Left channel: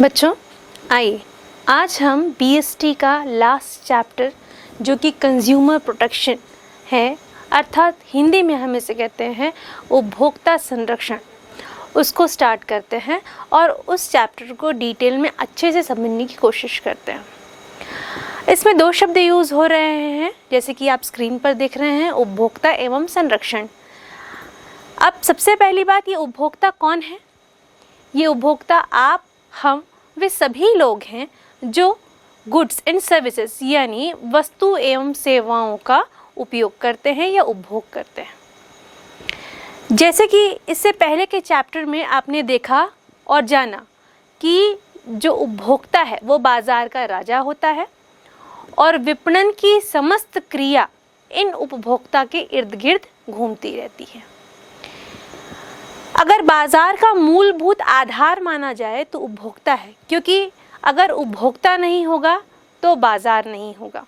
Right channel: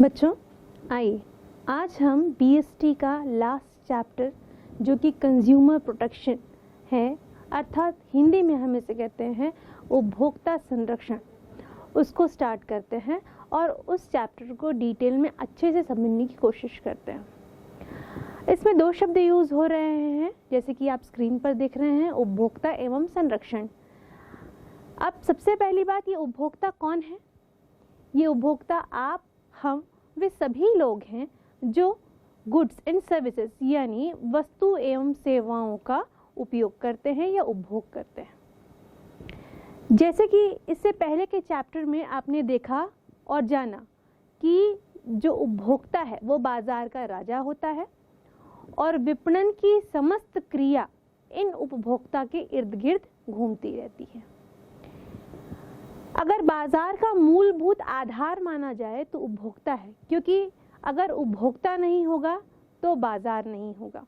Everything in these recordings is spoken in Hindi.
बच्चों आइए आज हम बीएसटी का लास्ट चैप्टर जो कि कंज्यूमर प्रोटेक्शन है, अर्थात हिंदी में हम इसे कहते हैं उपभोक्ता संरक्षण, उसको स्टार्ट करते हैं और उस चैप्टर को डिटेल में अच्छे से समझने की कोशिश करते हैं। इसमें दो शब्द यूज़ हो रहे हैं जैसे कि आप स्क्रीन पर देख रहे हैं, उपभोक्ता एवं संरक्षण। अब सबसे पहली बात, ये उपभोक्ता कौन है? ये उपभोक्ता आप, हम, वे सभी लोग हैं जो गुड्स एंड सर्विसेज यानी वस्तु एवं सेवाओं का उपयोग करते हैं या उपभोग करते हैं। जैसे कि इससे पहले के चैप्टर में आपने देखा और जाना कि जो उपभोक्ता है वो बाजार का राजा होता है और विपणन की समस्त क्रिया इन उपभोक्ता के इर्द गिर्द घूमती रहती है। अगर बाजार का मूलभूत आधार माना जाए तो उपभोक्ता है, क्योंकि अगर उपभोक्ता नहीं होगा तो बाजार नहीं होगा।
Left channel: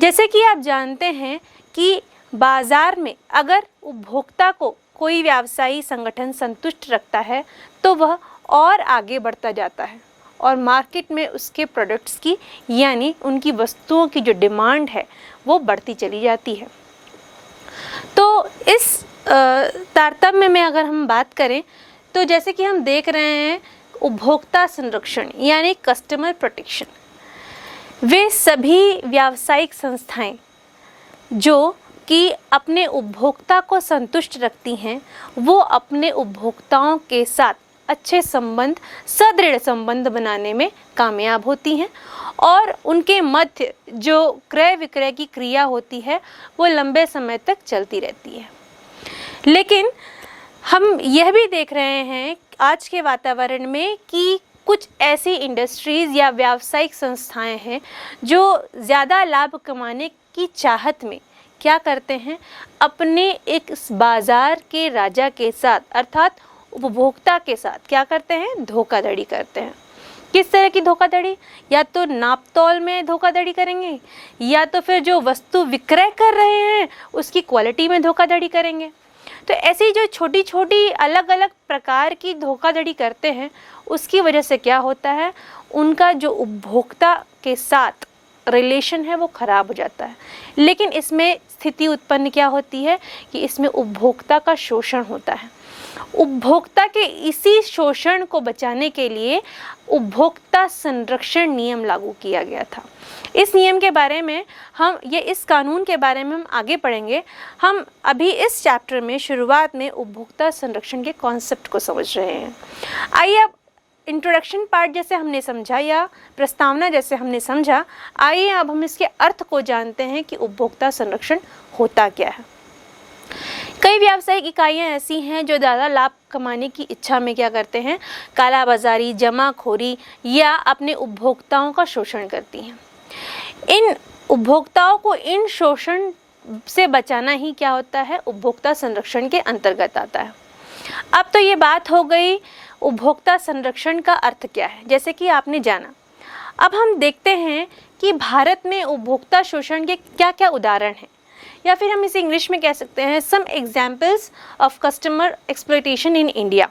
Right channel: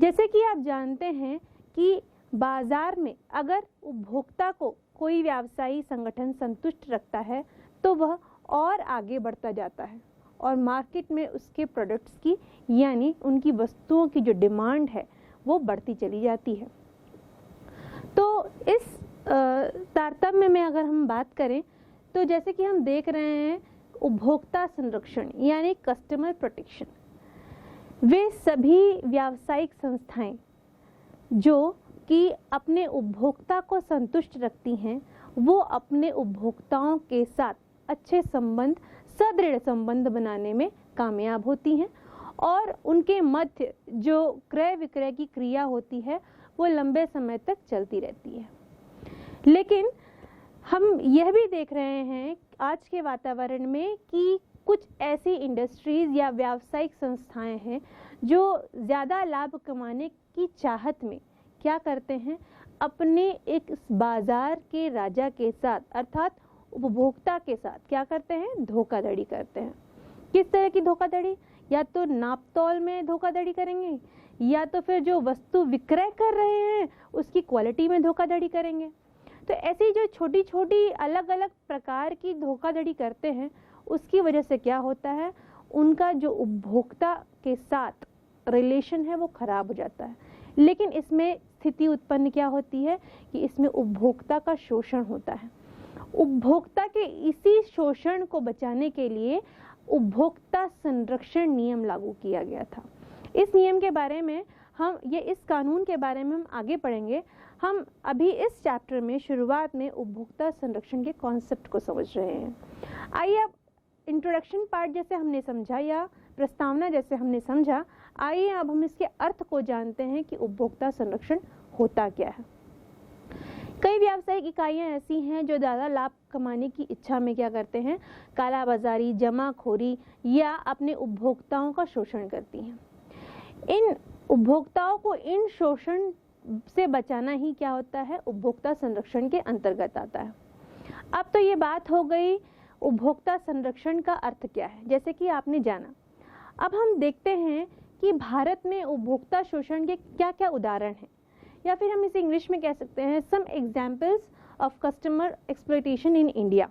जैसे कि आप जानते हैं कि बाजार में अगर उपभोक्ता को कोई व्यावसायिक संगठन संतुष्ट रखता है तो वह और आगे बढ़ता जाता है और मार्केट में उसके प्रोडक्ट्स की यानी उनकी वस्तुओं की जो डिमांड है वो बढ़ती चली जाती है। तो इस तारतम्य में अगर हम बात करें तो जैसे कि हम देख रहे हैं उपभोक्ता संरक्षण यानी कस्टमर प्रोटेक्शन, वे सभी व्यावसायिक संस्थाएं जो कि अपने उपभोक्ता को संतुष्ट रखती हैं वो अपने उपभोक्ताओं के साथ अच्छे संबंध, सुदृढ़ संबंध बनाने में कामयाब होती हैं और उनके मध्य जो क्रय विक्रय की क्रिया होती है वो लंबे समय तक चलती रहती है। लेकिन हम यह भी देख रहे हैं आज के वातावरण में कि कुछ ऐसी इंडस्ट्रीज़ या व्यावसायिक संस्थाएं हैं जो ज़्यादा लाभ कमाने की चाहत में क्या करते हैं, अपने एक बाज़ार के राजा के साथ अर्थात उपभोक्ता के साथ क्या करते हैं, धोखाधड़ी करते हैं। किस तरह की धोखाधड़ी? या तो नापतोल में धोखाधड़ी करेंगे या तो फिर जो वस्तु विक्रय कर रहे हैं उसकी क्वालिटी में धोखाधड़ी करेंगे। तो ऐसी जो छोटी छोटी अलग अलग प्रकार की धोखाधड़ी करते हैं उसकी वजह से क्या होता है, उनका जो उपभोक्ता के साथ रिलेशन है वो ख़राब हो जाता है। लेकिन इसमें स्थिति उत्पन्न क्या होती है कि इसमें उपभोक्ता का शोषण होता है। उपभोक्ता के इसी शोषण को बचाने के लिए उपभोक्ता संरक्षण नियम लागू किया गया था। इस नियम के बारे में इस कानून के बारे में हम आगे पढ़ेंगे। हम अभी इस चैप्टर में शुरुआत में उपभोक्ता संरक्षण के कॉन्सेप्ट को समझ रहे हैं। आइए अब इंट्रोडक्शन पार्ट जैसे हमने समझा या प्रस्तावना जैसे हमने समझा, आइए अब हम इसके अर्थ को जानते हैं कि उपभोक्ता संरक्षण होता क्या है। कई व्यावसायिक इकाइयां ऐसी हैं जो ज़्यादा लाभ कमाने की इच्छा में क्या करते हैं, कालाबाजारी, जमाखोरी या अपने उपभोक्ताओं का शोषण करती हैं। इन उपभोक्ताओं को इन शोषण से बचाना ही क्या होता है, उपभोक्ता संरक्षण के अंतर्गत आता है। अब तो ये बात हो गई उपभोक्ता संरक्षण का अर्थ क्या है, जैसे कि आपने जाना। अब हम देखते हैं कि भारत में उपभोक्ता शोषण के क्या क्या उदाहरण हैं, या फिर हम इसे इंग्लिश में कह सकते हैं some examples of customer exploitation in India.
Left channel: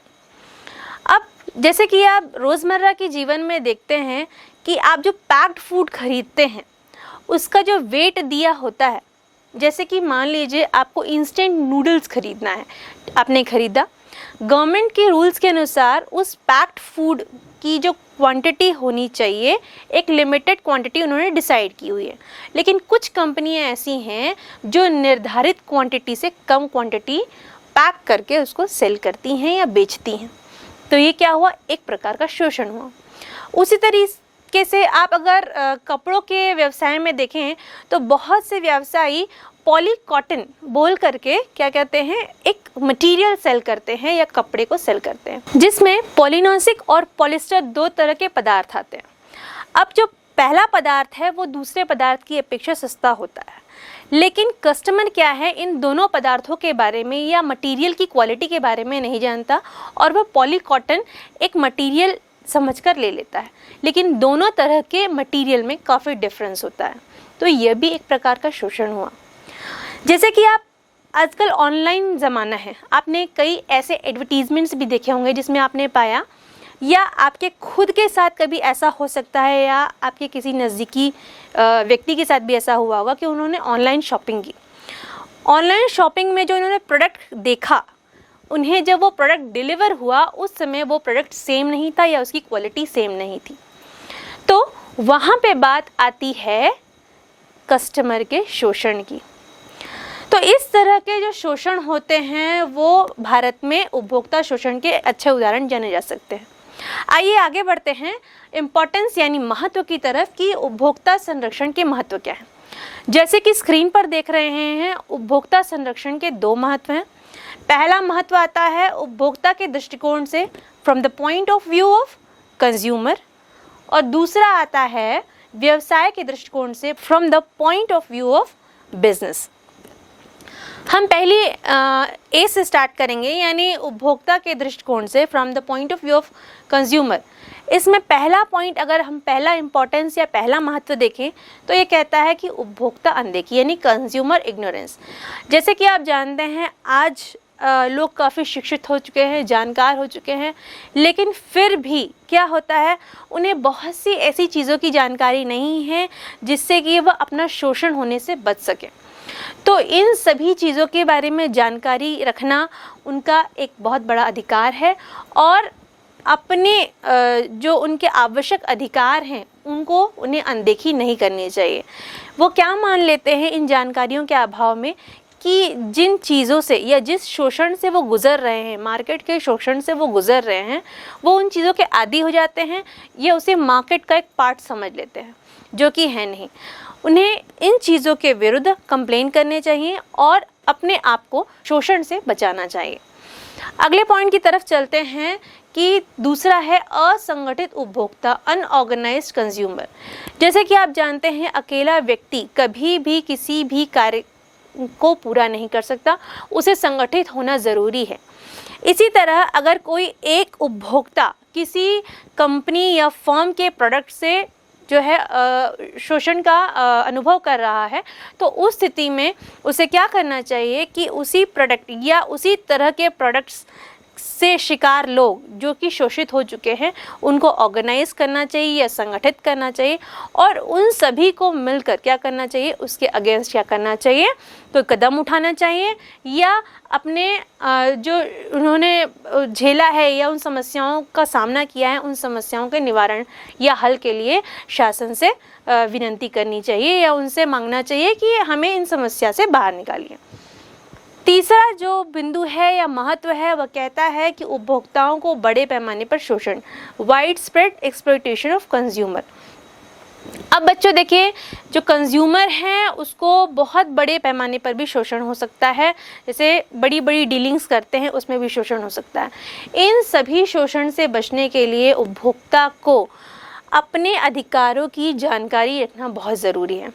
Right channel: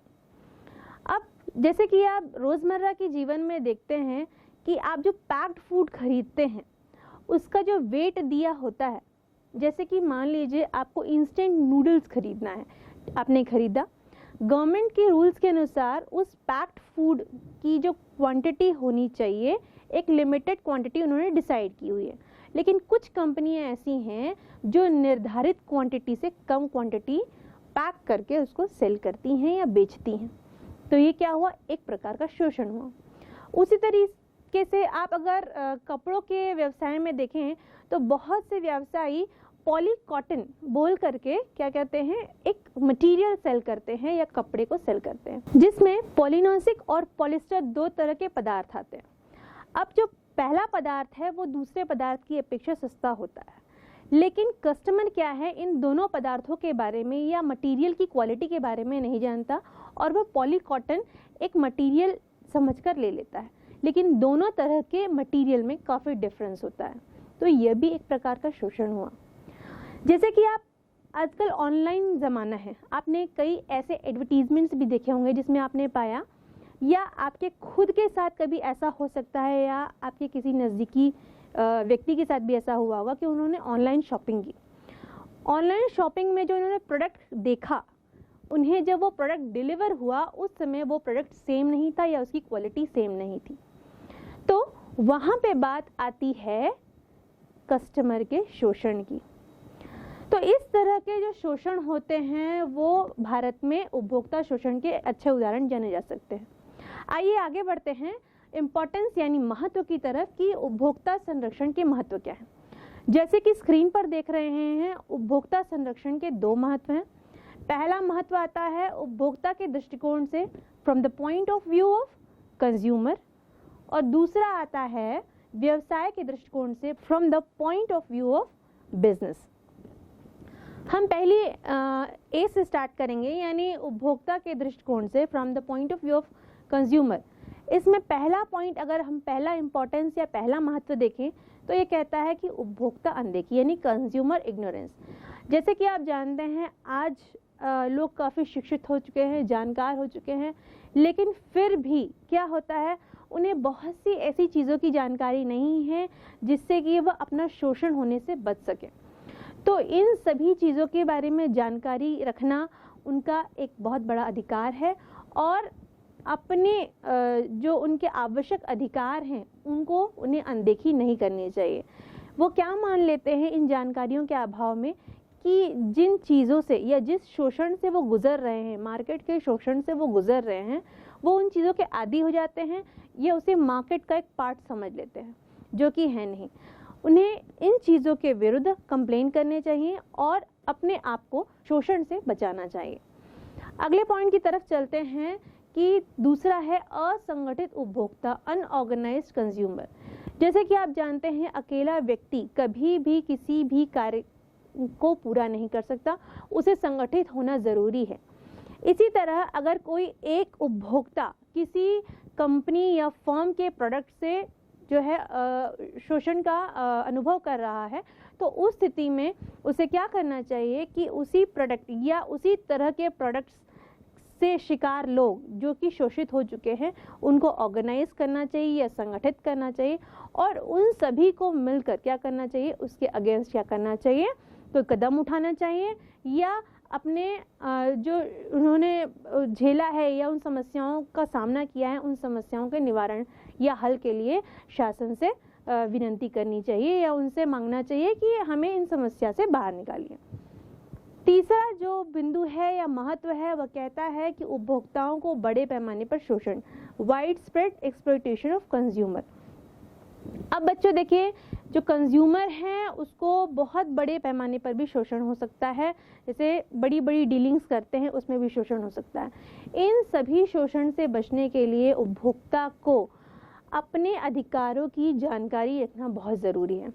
अब जैसे कि आप रोज़मर्रा के जीवन में देखते हैं कि आप जो पैक्ड फूड खरीदते हैं उसका जो वेट दिया होता है, जैसे कि मान लीजिए आपको इंस्टेंट नूडल्स खरीदना है, आपने खरीदा, गवर्नमेंट के रूल्स के अनुसार उस पैक्ड फूड की जो क्वांटिटी होनी चाहिए एक लिमिटेड क्वांटिटी उन्होंने डिसाइड की हुई है। लेकिन कुछ कंपनियां ऐसी हैं जो निर्धारित क्वांटिटी से कम क्वांटिटी पैक करके उसको सेल करती हैं या बेचती हैं। तो ये क्या हुआ, एक प्रकार का शोषण हुआ। उसी तरीके से आप अगर कपड़ों के व्यवसाय में देखें तो बहुत से व्यवसायी पॉली कॉटन बोल करके क्या कहते हैं, एक मटेरियल सेल करते हैं या कपड़े को सेल करते हैं जिसमें पॉलिनोसिक और पॉलिस्टर दो तरह के पदार्थ आते हैं। अब जो पहला पदार्थ है वो दूसरे पदार्थ की अपेक्षा सस्ता होता है, लेकिन कस्टमर क्या है, इन दोनों पदार्थों के बारे में या मटेरियल की क्वालिटी के बारे में नहीं जानता और वह पॉली कॉटन एक मटेरियल समझकर ले लेता है। लेकिन दोनों तरह के मटेरियल में काफ़ी डिफरेंस होता है। तो यह भी एक प्रकार का शोषण हुआ। जैसे कि आप आजकल ऑनलाइन ज़माना है, आपने कई ऐसे एडवर्टीज़मेंट्स भी देखे होंगे जिसमें आपने पाया या आपके खुद के साथ कभी ऐसा हो सकता है, या आपके किसी नज़दीकी व्यक्ति के साथ भी ऐसा हुआ होगा कि उन्होंने ऑनलाइन शॉपिंग की। ऑनलाइन शॉपिंग में जो इन्होंने प्रोडक्ट देखा, उन्हें जब वो प्रोडक्ट डिलीवर हुआ उस समय वो प्रोडक्ट सेम नहीं था या उसकी क्वालिटी सेम नहीं थी। तो वहाँ पे बात आती है कस्टमर के शोषण की। तो इस तरह के जो शोषण होते हैं वो भारत में उपभोक्ता शोषण के अच्छे उदाहरण जाने जा सकते हैं। आइए आगे बढ़ते हैं इम्पोर्टेंस यानी महत्व की तरफ कि उपभोक्ता संरक्षण के महत्व क्या है। जैसे कि स्क्रीन पर देख रहे हैं, उपभोक्ता संरक्षण के 2 महत्व हैं। पहला महत्व आता है उपभोक्ता के दृष्टिकोण से, from the point of view of consumer, और दूसरा आता है व्यवसाय के दृष्टिकोण से, from the point of view of business. हम पहले ए से स्टार्ट करेंगे, यानी उपभोक्ता के दृष्टिकोण से, from the point of view of consumer. इसमें पहला पॉइंट, अगर हम पहला इंपॉर्टेंस या पहला महत्व देखें तो ये कहता है कि उपभोक्ता अनदेखी यानी कंज्यूमर इग्नोरेंस। जैसे कि आप जानते हैं आज लोग काफ़ी शिक्षित हो चुके हैं, जानकार हो चुके हैं, लेकिन फिर भी क्या होता है, उन्हें बहुत सी ऐसी चीज़ों की जानकारी नहीं है जिससे कि वह अपना शोषण होने से बच सके। तो इन सभी चीज़ों के बारे में जानकारी रखना उनका एक बहुत बड़ा अधिकार है, और अपने जो उनके आवश्यक अधिकार हैं उनको उन्हें अनदेखी नहीं करनी चाहिए। वो क्या मान लेते हैं इन जानकारियों के अभाव में कि जिन चीज़ों से या जिस शोषण से वो गुज़र रहे हैं, मार्केट के शोषण से वो गुज़र रहे हैं, वो उन चीज़ों के आदी हो जाते हैं या उसे मार्केट का एक पार्ट समझ लेते हैं, जो कि है नहीं। उन्हें इन चीज़ों के विरुद्ध कंप्लेन करने चाहिए और अपने आप को शोषण से बचाना चाहिए। अगले पॉइंट की तरफ चलते हैं कि दूसरा है असंगठित उपभोक्ता, अनऑर्गेनाइज्ड कंज्यूमर। जैसे कि आप जानते हैं अकेला व्यक्ति कभी भी किसी भी कार्य को पूरा नहीं कर सकता, उसे संगठित होना ज़रूरी है। इसी तरह अगर कोई एक उपभोक्ता किसी कंपनी या फर्म के प्रोडक्ट से जो है शोषण का अनुभव कर रहा है, तो उस स्थिति में उसे क्या करना चाहिए कि उसी प्रोडक्ट या उसी तरह के प्रोडक्ट्स से शिकार लोग जो कि शोषित हो चुके हैं उनको ऑर्गेनाइज करना चाहिए या संगठित करना चाहिए, और उन सभी को मिलकर क्या करना चाहिए, उसके अगेंस्ट क्या करना चाहिए, कोई कदम उठाना चाहिए, या अपने जो उन्होंने झेला है या उन समस्याओं का सामना किया है उन समस्याओं के निवारण या हल के लिए शासन से विनती करनी चाहिए या उनसे मांगना चाहिए कि हमें इन समस्या से बाहर निकालिए। तीसरा जो बिंदु है या महत्व है वह कहता है कि उपभोक्ताओं को बड़े पैमाने पर शोषण, wide spread exploitation of consumer. अब बच्चों देखिए, जो कंज्यूमर हैं उसको बहुत बड़े पैमाने पर भी शोषण हो सकता है, जैसे बड़ी बड़ी डीलिंग्स करते हैं उसमें भी शोषण हो सकता है। इन सभी शोषण से बचने के लिए उपभोक्ता को अपने अधिकारों की जानकारी रखना बहुत ज़रूरी है।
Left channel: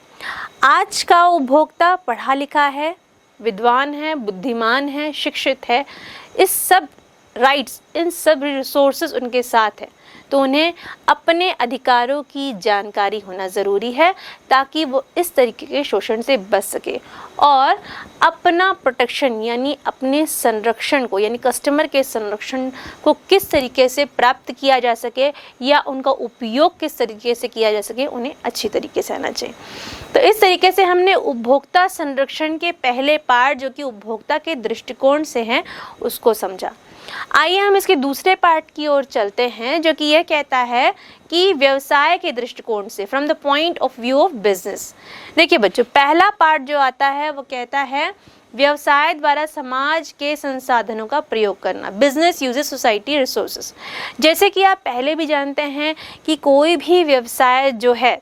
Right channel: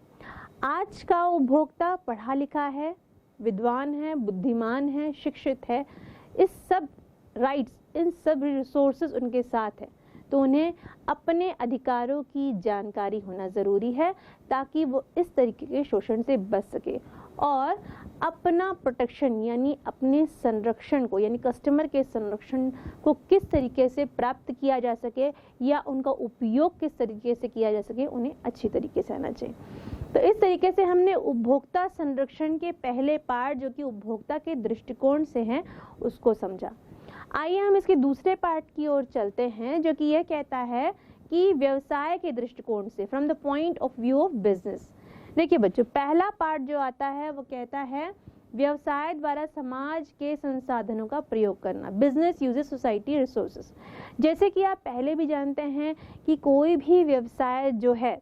आज का उपभोक्ता पढ़ा लिखा है, विद्वान है, बुद्धिमान है, शिक्षित है, इस सब राइट्स, इन सब रिसोर्सेज उनके साथ है, तो उन्हें अपने अधिकारों की जानकारी होना ज़रूरी है ताकि वो इस तरीके के शोषण से बच सके और अपना प्रोटेक्शन यानी अपने संरक्षण को, यानी कस्टमर के संरक्षण को किस तरीके से प्राप्त किया जा सके या उनका उपयोग किस तरीके से किया जा सके, उन्हें अच्छी तरीके से आना चाहिए। तो इस तरीके से हमने उपभोक्ता संरक्षण के पहले पार्ट जो कि उपभोक्ता के दृष्टिकोण से हैं उसको समझा। आइए हम इसके दूसरे पार्ट की ओर चलते हैं जो कि यह कहता है कि व्यवसाय के दृष्टिकोण से, from the point of view of business. देखिए बच्चों, पहला पार्ट जो आता है वो कहता है व्यवसाय द्वारा समाज के संसाधनों का प्रयोग करना, बिजनेस यूजेस सोसाइटी रिसोर्सेज। जैसे कि आप पहले भी जानते हैं कि कोई भी व्यवसाय जो है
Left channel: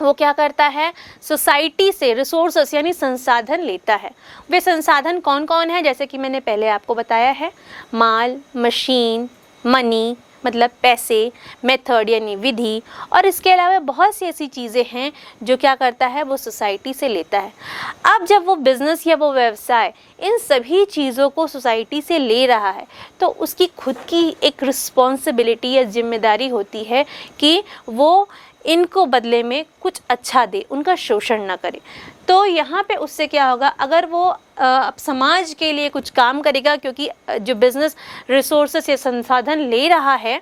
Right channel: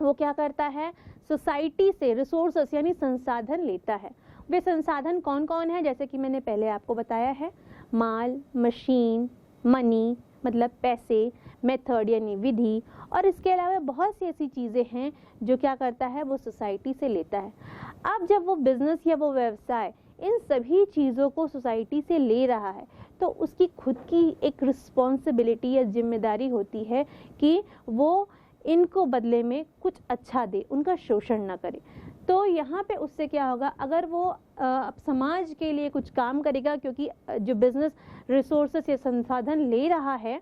वो क्या करता है, सोसाइटी से रिसोर्सेस यानी संसाधन लेता है। वे संसाधन कौन कौन है, जैसे कि मैंने पहले आपको बताया है, माल, मशीन, मनी मतलब पैसे, मेथड यानी विधि, और इसके अलावा बहुत सी ऐसी चीज़ें हैं जो क्या करता है, वो सोसाइटी से लेता है। अब जब वो बिज़नेस या वो व्यवसाय इन सभी चीज़ों को सोसाइटी से ले रहा है तो उसकी खुद की एक रिस्पॉन्सिबिलिटी या जिम्मेदारी होती है कि वो इनको बदले में कुछ अच्छा दे, उनका शोषण ना करे। तो यहाँ पे उससे क्या होगा, अगर वो समाज के लिए कुछ काम करेगा, क्योंकि जो बिज़नेस रिसोर्सेस या संसाधन ले रहा है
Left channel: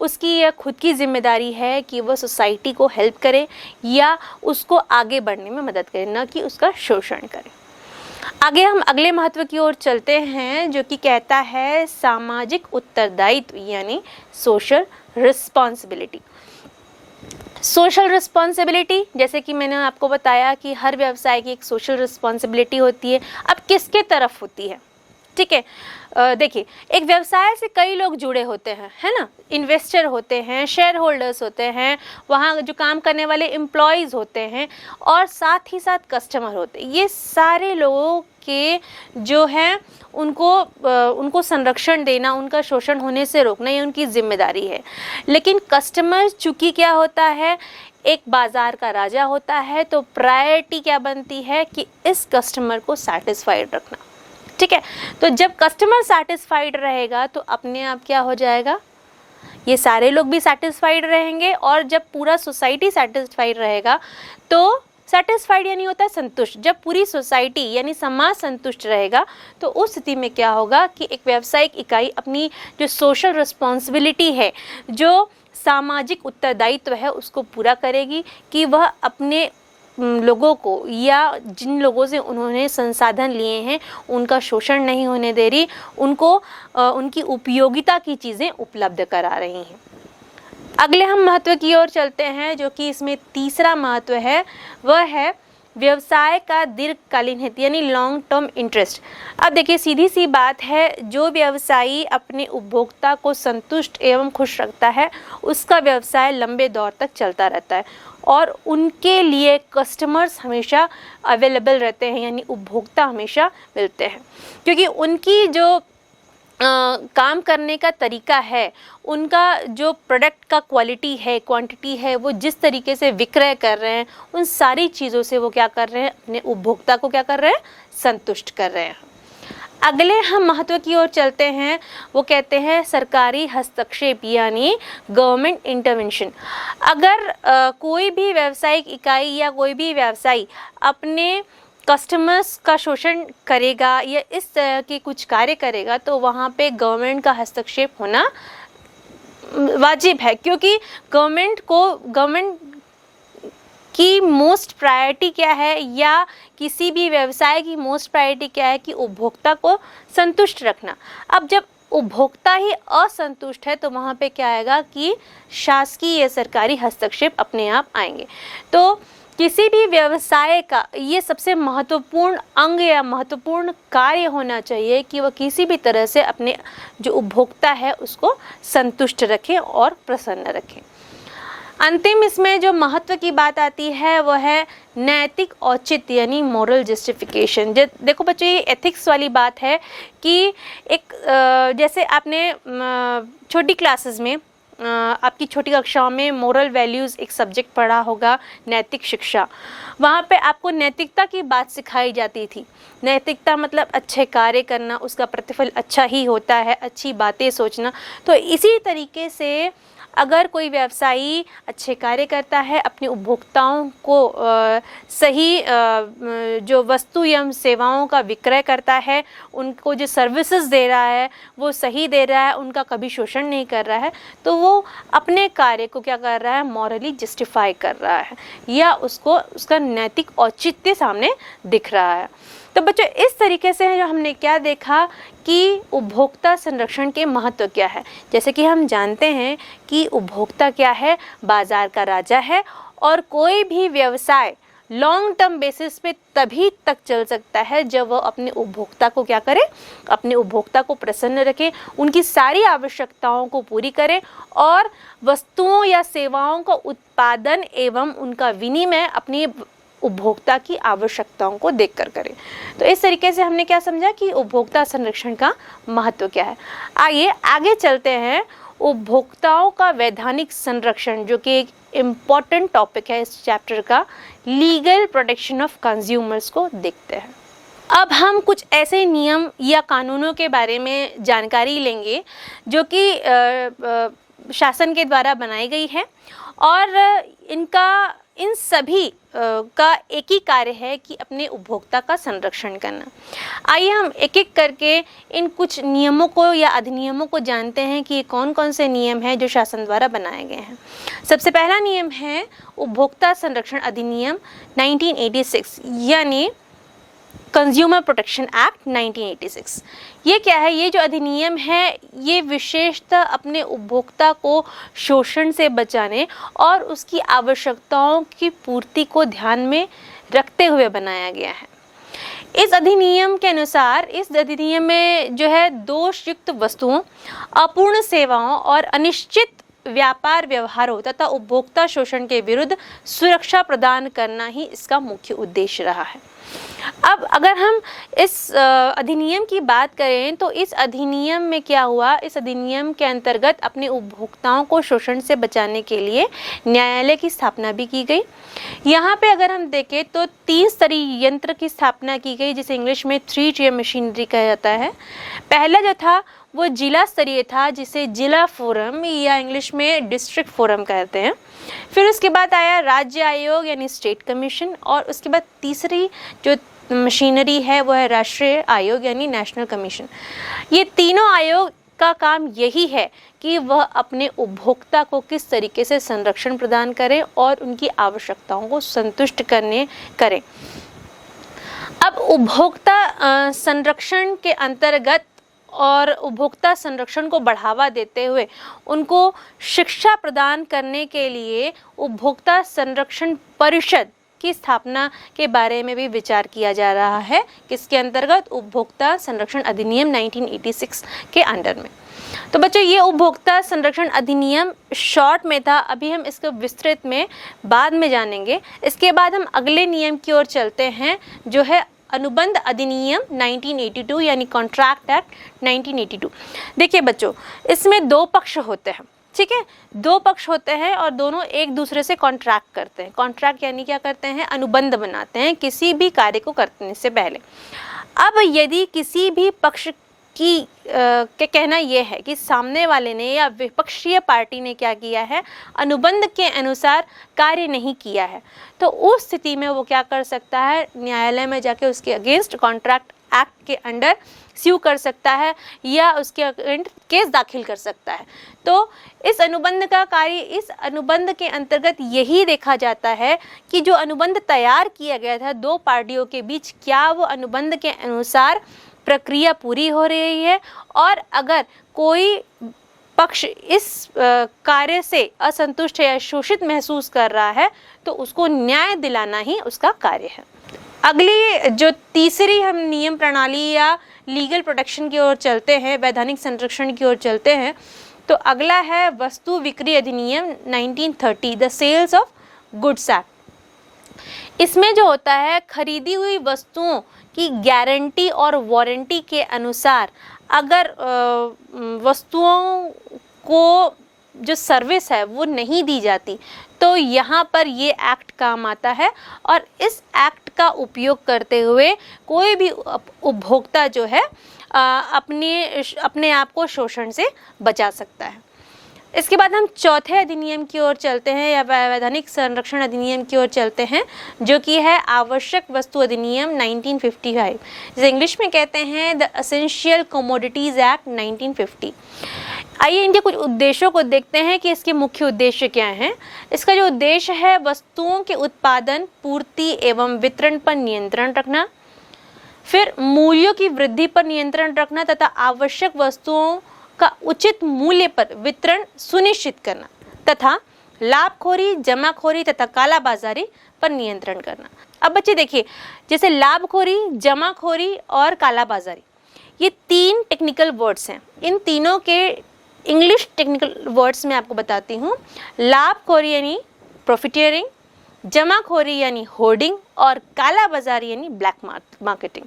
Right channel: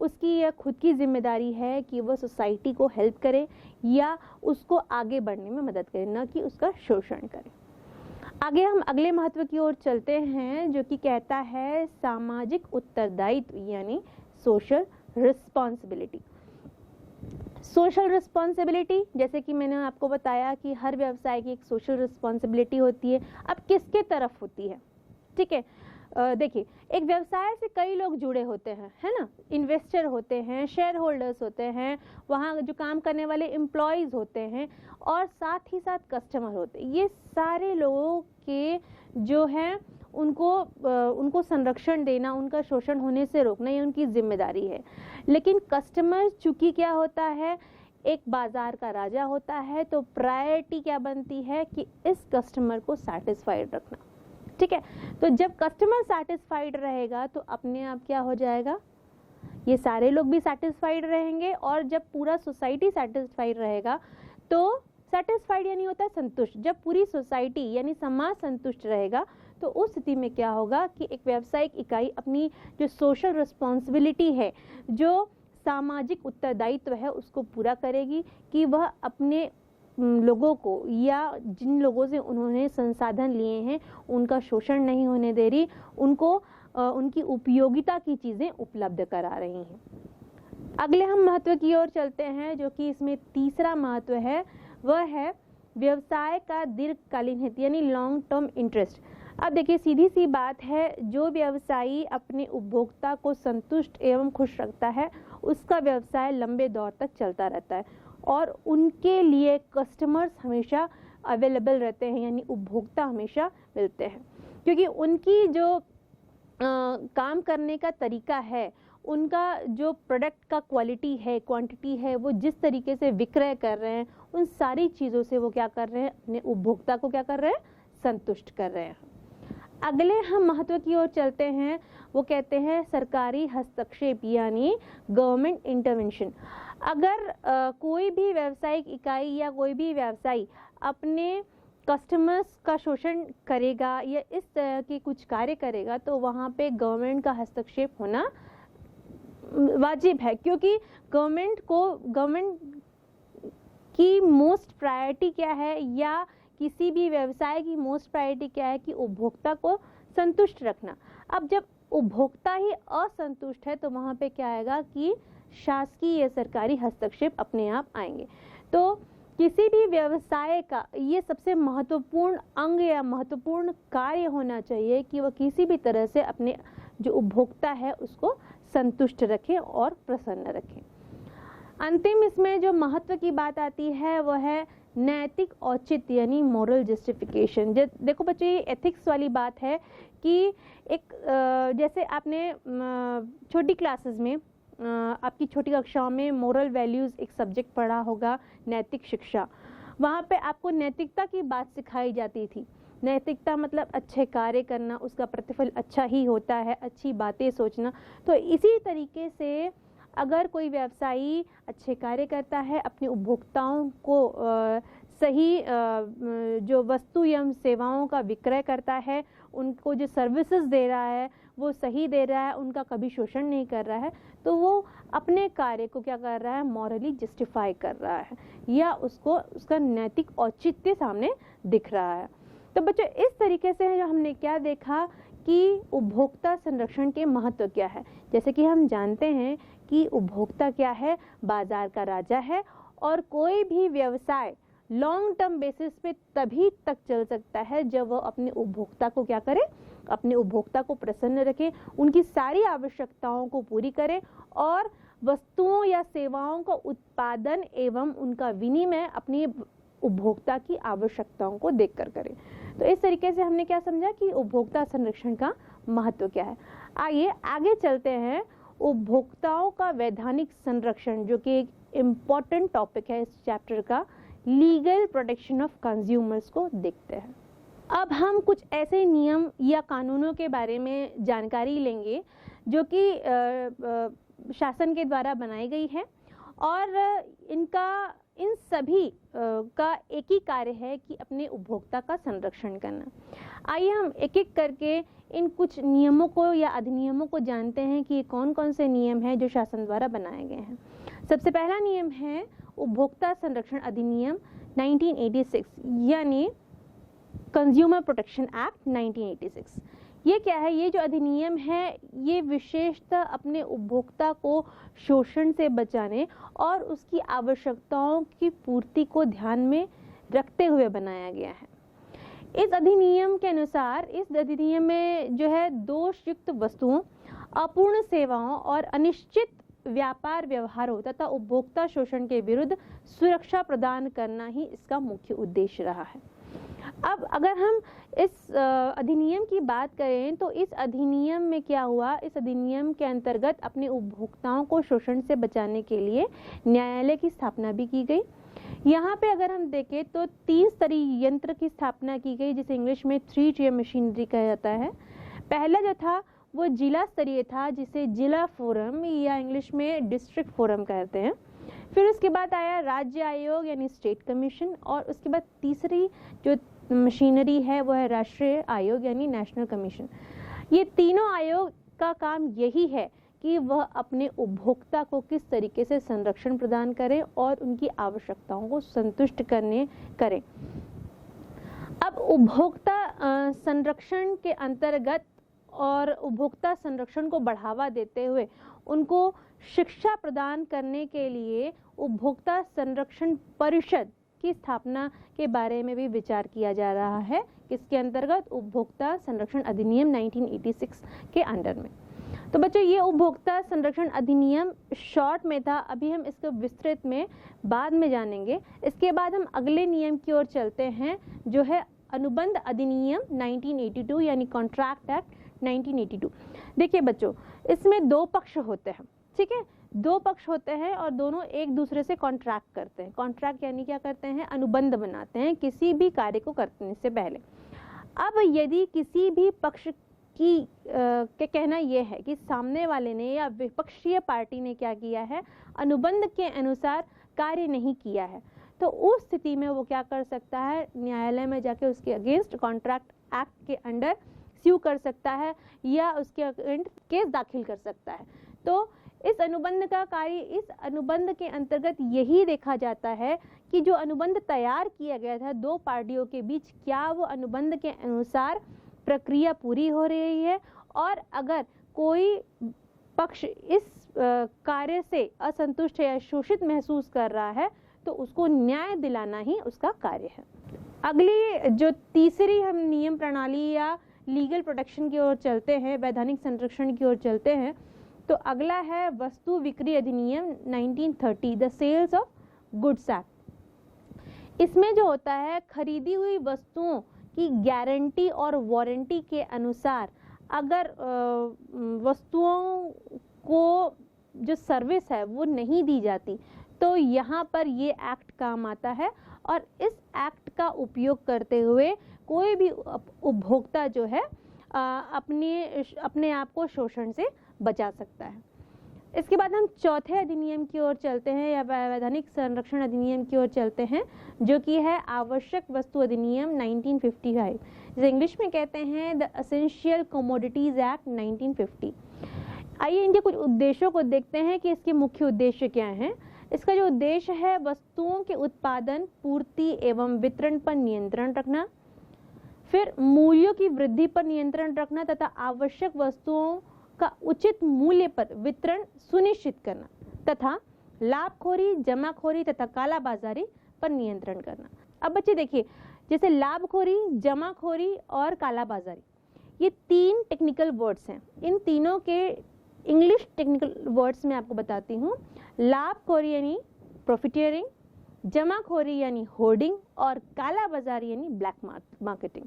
उसकी यह खुद की जिम्मेदारी है कि वह सोसाइटी को हेल्प करे या उसको आगे बढ़ने में मदद करे, न कि उसका शोषण करे। आगे हम अगले महत्व की ओर चलते हैं, जो कि कहता है सामाजिक उत्तरदायित्व यानी सोशल रिस्पॉन्सिबिलिटी। सोशल रिस्पॉन्सिबिलिटी, जैसे कि मैंने आपको बताया कि हर व्यवसाय की एक सोशल रिस्पॉन्सिबिलिटी होती है। अब किसके तरफ होती है, ठीक है। देखिए, एक व्यवसाय से कई लोग जुड़े होते हैं, है ना। इन्वेस्टर होते हैं, शेयर होल्डर्स होते हैं, वहाँ जो काम करने वाले एम्प्लॉयज़ होते हैं, और साथ ही साथ कस्टमर होते हैं। ये सारे लोगों के जो है उनको संरक्षण देना, उनका शोषण होने से रोकना, ये उनकी जिम्मेदारी है। लेकिन कस्टमर चूँकि क्या होता है, एक बाज़ार का राजा होता है, तो प्रायोरिटी क्या बनती है कि इस कस्टमर को सेटिस्फाइड रखना, ठीक है। तो जब कस्टमर सेटिस्फाइड रहेगा तो अपने आप क्या हो जाएगा, ये सारे लोग भी सेटिस्फाइड रहेंगे, और जब पूरा सोसाइटी सेटिस्फाइड रहेगा तो सेटिस्फाइड यानी होता है संतुष्ट। जब पूरी सोसाइटी यानी समाज संतुष्ट रहेगा तो उस स्थिति में क्या होगा कि एक व्यावसायिक इकाई अपनी जो सोशल रिस्पॉन्सिबिलिटी है, जो सामाजिक उत्तरदायित्व है, उसको पूरा करेगी कि वह अपने लोगों को या जिन लोगों से उन्होंने संसाधन लिए हैं उनका शोषण नहीं होने दे रही, उनको उनकी उपयोगिता की चीज़ें उपलब्ध करा रही हैं। अगले हम महत्व की ओर चलते हैं, जो कि इसमें तीसरा महत्व है, वह है व्यवसाय का दीर्घकालीन हित यानी लॉन्ग टर्म इंटरेस्ट। अब देखिए, सीधी सी बात है, जो व्यवसायी अपने उपभोक्ता को संतुष्ट एवं खुश रखता है उसका व्यवसाय लंबे दौर तक चलता रहता है, और उनके लिए कस्टमर्स हमेशा अवेलेबल रहते हैं, यानी उपभोक्ता हमेशा मिलते हैं, क्योंकि उनकी जो काम करने का तरीका है, उनका जो प्रोडक्ट का क्वालिटी है, क्वांटिटी है, वो जिस तरीके से विक्रय कर रहे हैं, उन सारी चीज़ों से वो क्या कर रहे हैं, अपने उपभोक्ता को क्या कर रहे हैं, संतुष्ट कर रहे हैं। अगले हम महत्व की ओर चलते हैं, वो कहते हैं सरकारी हस्तक्षेप यानी गवर्नमेंट इंटरवेंशन। अगर कोई भी व्यावसायिक इकाई या कोई भी व्यवसायी अपने कस्टमर्स का शोषण करेगा या इस तरह के कुछ कार्य करेगा, तो वहाँ पे गवर्नमेंट का हस्तक्षेप होना वाजिब है, क्योंकि गवर्नमेंट की मोस्ट प्रायोरिटी क्या है, या किसी भी व्यवसाय की मोस्ट प्रायोरिटी क्या है कि उपभोक्ता को संतुष्ट रखना। अब जब उपभोक्ता ही असंतुष्ट है तो वहाँ पे क्या आएगा कि शासकीय या सरकारी हस्तक्षेप अपने आप आएंगे। तो किसी भी व्यवसाय का ये सबसे महत्वपूर्ण अंग या महत्वपूर्ण कार्य होना चाहिए कि वह किसी भी तरह से अपने जो उपभोक्ता है उसको संतुष्ट रखें और प्रसन्न रखें। अंतिम इसमें जो महत्व की बात आती है वह है नैतिक औचित्य यानी मोरल जस्टिफिकेशन। देखो बच्चों, ये एथिक्स वाली बात है कि एक जैसे आपने छोटी क्लासेस में आपकी छोटी कक्षाओं में मोरल वैल्यूज़ एक सब्जेक्ट पढ़ा होगा, नैतिक शिक्षा। वहाँ पे आपको नैतिकता की बात सिखाई जाती थी। नैतिकता मतलब अच्छे कार्य करना, उसका प्रतिफल अच्छा ही होता है, अच्छी बातें सोचना। तो इसी तरीके से अगर कोई व्यवसायी अच्छे कार्य करता है, अपने उपभोक्ताओं को सही जो वस्तु एवं सेवाओं का विक्रय करता है, उनको जो सर्विसेज दे रहा है वो सही दे रहा है, उनका कभी शोषण नहीं कर रहा है, तो वो अपने कार्य को क्या कर रहा है, मॉरली जस्टिफाई कर रहा है या उसका नैतिक औचित्य सामने दिख रहा है। तो बच्चों, इस तरीके से जो हमने क्या देखा कि उपभोक्ता संरक्षण के महत्व क्या है। जैसे कि हम जानते हैं कि उपभोक्ता क्या है, बाजार का राजा है, और कोई भी व्यवसाय लॉन्ग टर्म बेसिस पे तभी तक चल सकता है जब वह अपने उपभोक्ता को क्या करे, अपने उपभोक्ता को प्रसन्न रखे, उनकी सारी आवश्यकताओं को पूरी करे और वस्तुओं या सेवाओं का उत्पादन एवं उनका विनिमय अपनी उपभोक्ता की आवश्यकताओं को देखकर करें। तो इस तरीके से हमने क्या समझा कि उपभोक्ता संरक्षण का महत्व क्या है। आइए आगे चलते हैं, उपभोक्ताओं का वैधानिक संरक्षण, जो कि एक इम्पॉर्टेंट टॉपिक है इस चैप्टर का, लीगल प्रोटेक्शन ऑफ कंज्यूमर्स को देखते हैं। अब हम कुछ ऐसे नियम या कानूनों के बारे में जानकारी लेंगे जो कि शासन के द्वारा बनाई गई है, और इन सभी का एक ही कार्य है कि अपने उपभोक्ता का संरक्षण करना। आइए हम एक एक करके इन कुछ नियमों को या अधिनियमों को जानते हैं कि कौन कौन से नियम हैं जो शासन द्वारा बनाए गए हैं। सबसे पहला नियम है उपभोक्ता संरक्षण अधिनियम 1986 यानी कंज्यूमर प्रोटेक्शन एक्ट 1986। ये क्या है? ये जो अधिनियम है ये विशेषतः अपने उपभोक्ता को शोषण से बचाने और उसकी आवश्यकताओं की पूर्ति को ध्यान में रखते हुए बनाया गया है। इस अधिनियम के अनुसार इस अधिनियम में जो है दोषयुक्त वस्तुओं, अपूर्ण सेवाओं और अनिश्चित व्यापार व्यवहारों तथा उपभोक्ता शोषण के विरुद्ध सुरक्षा प्रदान करना ही इसका मुख्य उद्देश्य रहा है। अब अगर हम इस अधिनियम की बात करें तो इस अधिनियम में क्या हुआ? इस अधिनियम के अंतर्गत अपने उपभोक्ताओं को शोषण से बचाने के लिए न्यायालय की स्थापना भी की गई। यहाँ पे अगर हम देखें तो 3 स्तरीय यंत्र की स्थापना की गई जिसे इंग्लिश में 3 tier मशीनरी कहा जाता है। पहला जो था वो जिला स्तरीय था जिसे जिला फोरम या इंग्लिश में डिस्ट्रिक्ट फोरम कहते हैं। फिर उसके बाद आया राज्य आयोग यानी स्टेट कमीशन, और उसके बाद तीसरी जो मशीनरी है वो है राष्ट्रीय आयोग यानी नेशनल कमीशन। ये तीनों आयोग का काम यही है कि वह अपने उपभोक्ता को किस तरीके से संरक्षण प्रदान करें और उनकी आवश्यकताओं को संतुष्ट करें। अब उपभोक्ता संरक्षण के अंतर्गत और उपभोक्ता संरक्षण को बढ़ावा देते हुए उनको शिक्षा प्रदान करने के लिए उपभोक्ता संरक्षण परिषद की स्थापना के बारे में भी विचार किया जा रहा है। किसके अंतर्गत? उपभोक्ता संरक्षण अधिनियम 1986 के अंडर में। तो बच्चों ये उपभोक्ता संरक्षण अधिनियम शॉर्ट में था, अभी हम इसको विस्तृत में बाद में जानेंगे। इसके बाद हम अगले नियम की ओर चलते हैं जो है अनुबंध अधिनियम 1982 यानी कॉन्ट्रैक्ट एक्ट 1982। देखिए बच्चों, इसमें 2 पक्ष होते हैं, ठीक है? 2 पक्ष होते हैं और दोनों एक दूसरे से कॉन्ट्रैक्ट करते हैं। कॉन्ट्रैक्ट यानी क्या करते हैं? अनुबंध बनाते हैं किसी भी कार्य को करने से पहले। अब यदि किसी भी पक्ष की के कहना यह है कि सामने वाले ने या विपक्षीय पार्टी ने क्या किया है, अनुबंध के अनुसार कार्य नहीं किया है, तो उस स्थिति में वो क्या कर सकता है? न्यायालय में जाके उसके अगेंस्ट कॉन्ट्रैक्ट एक्ट के अंडर स्यू कर सकता है या उसके अगेंस्ट केस दाखिल कर सकता है। तो इस अनुबंध का कार्य, इस अनुबंध के अंतर्गत यही देखा जाता है कि जो अनुबंध तैयार किया गया था 2 पार्टियों के बीच, क्या वो अनुबंध के अनुसार प्रक्रिया पूरी हो रही है, और अगर कोई पक्ष इस कार्य से असंतुष्ट या शोषित महसूस कर रहा है तो उसको न्याय दिलाना ही उसका कार्य है। अगली जो तीसरी हम नियम प्रणाली या लीगल प्रोटेक्शन की ओर चलते हैं, वैधानिक संरक्षण की ओर चलते हैं, तो अगला है वस्तु बिक्री अधिनियम 1930 the sales of goods act. इसमें जो होता है खरीदी हुई वस्तुओं की गारंटी और वारंटी के अनुसार अगर वस्तुओं को जो सर्विस है वो नहीं दी जाती तो यहाँ पर ये एक्ट काम आता है, और इस एक्ट का उपयोग करते हुए कोई भी उपभोक्ता जो है अपने आप को शोषण से बचा सकता है। इसके बाद हम चौथे अधिनियम की ओर चलते हैं या वैधानिक संरक्षण अधिनियम की ओर चलते हैं जो कि है आवश्यक वस्तु अधिनियम 1955, जिसे इंग्लिश में कहते हैं द एसेंशियल कमोडिटीज एक्ट 1950। आइए इनके कुछ उद्देश्यों को देखते हैं कि इसके मुख्य उद्देश्य क्या हैं। इसका जो उद्देश्य है वस्तुओं के उत्पादन, पूर्ति एवं वितरण पर नियंत्रण रखना, फिर मूल्यों की वृद्धि पर नियंत्रण रखना तथा आवश्यक वस्तुओं का उचित मूल्य पर वितरण सुनिश्चित करना तथा लाभखोरी, जमाखोरी तथा कालाबाजारी पर नियंत्रण करना। अब बच्चे देखिए, जैसे लाभखोरी, जमाखोरी और कालाबाजारी, ये 3 टेक्निकल वर्ड्स हैं। इन तीनों के इंग्लिश टेक्निकल वर्ड्स में आपको बताती हूँ। लाभखोरी यानी प्रॉफिटियरिंग, जमाखोरी यानी होर्डिंग और कालाबाजारी यानी ब्लैक मार्केटिंग।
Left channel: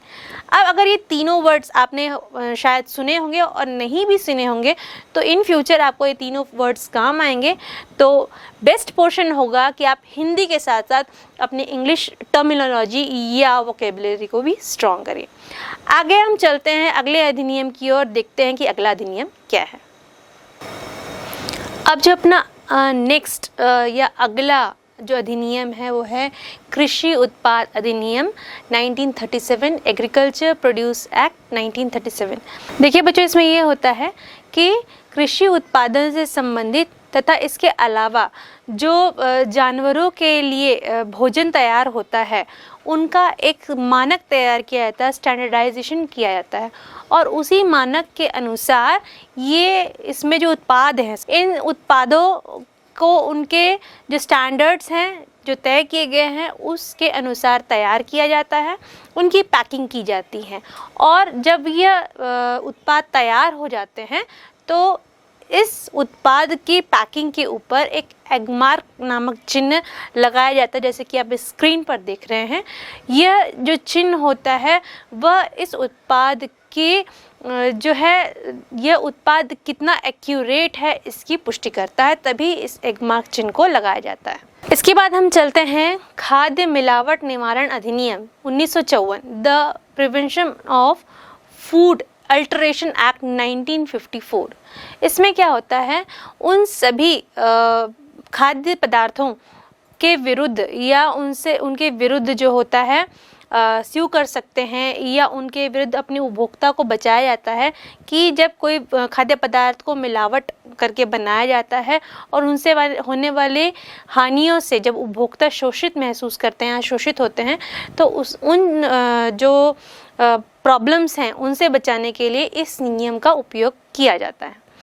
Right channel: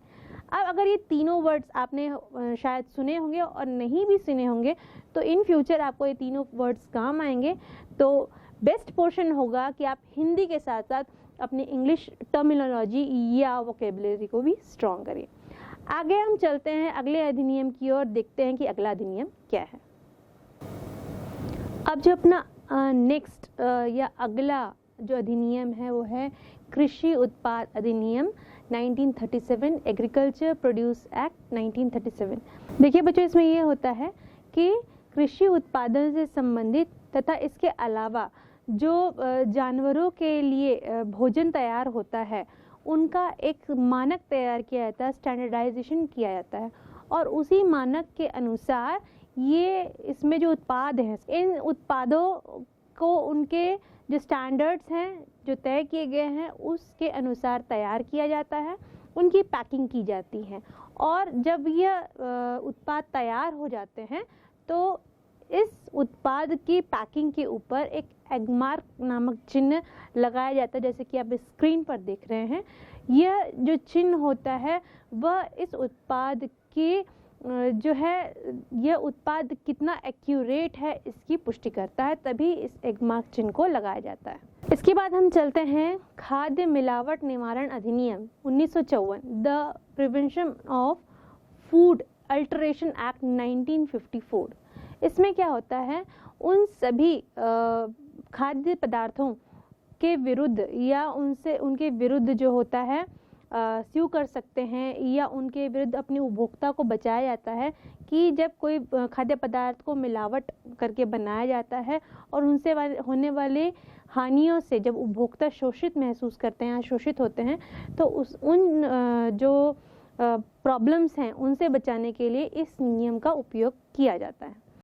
अब अगर ये तीनों वर्ड्स आपने शायद सुने होंगे और नहीं भी सुने होंगे तो इन फ्यूचर आपको ये तीनों वर्ड्स काम आएंगे। तो बेस्ट पोर्शन होगा कि आप हिंदी के साथ साथ अपने इंग्लिश टर्मिनोलॉजी या वोकेबलरी को भी स्ट्रॉन्ग करें। आगे हम चलते हैं अगले अधिनियम की ओर, देखते हैं कि अगला अधिनियम क्या है। अब जो अपना नेक्स्ट या अगला जो अधिनियम है वो है कृषि उत्पाद अधिनियम 1937, एग्रीकल्चर प्रोड्यूस एक्ट 1937। देखिए बच्चों, इसमें ये होता है कि कृषि उत्पादन से संबंधित तथा इसके अलावा जो जानवरों के लिए भोजन तैयार होता है उनका एक मानक तैयार किया जाता है, स्टैंडर्डाइजेशन किया जाता है, और उसी मानक के अनुसार ये इसमें जो उत्पाद हैं, इन उत्पादों को उनके जो स्टैंडर्ड्स हैं जो तय किए गए हैं उसके अनुसार तैयार किया जाता है, उनकी पैकिंग की जाती है, और जब यह उत्पाद तैयार हो जाते हैं तो इस उत्पाद की पैकिंग के ऊपर एक एगमार्क नामक चिन्ह लगाया जाता है, जैसे कि आप स्क्रीन पर देख रहे हैं। यह जो चिन्ह होता है वह इस उत्पाद की जो है यह उत्पाद कितना एक्यूरेट है इसकी पुष्टि करता है, तभी इस एगमार्क चिन्ह को लगाया जाता है। इसके बाद हम चलते हैं खाद्य मिलावट निवारण अधिनियम 1954, the prevention of food alteration act 1954। इसमें क्या होता है, उन सभी खाद्य पदार्थों के विरुद्ध या उनके विरुद्ध जो होता है स्यू कर सकते हैं या उनके विरुद्ध अपने उपभोक्ता को बचाया जाता है कि जब कोई खाद्य पदार्थ को मिलावट करके बनाया जाता है और उनसे होने वाले हानियों से जब उपभोक्ता शोषित महसूस करते हैं, शोषित होते हैं, तो उन जो प्रॉब्लम्स हैं उनसे बचाने के लिए इस नियम का उपयोग किया जाता है।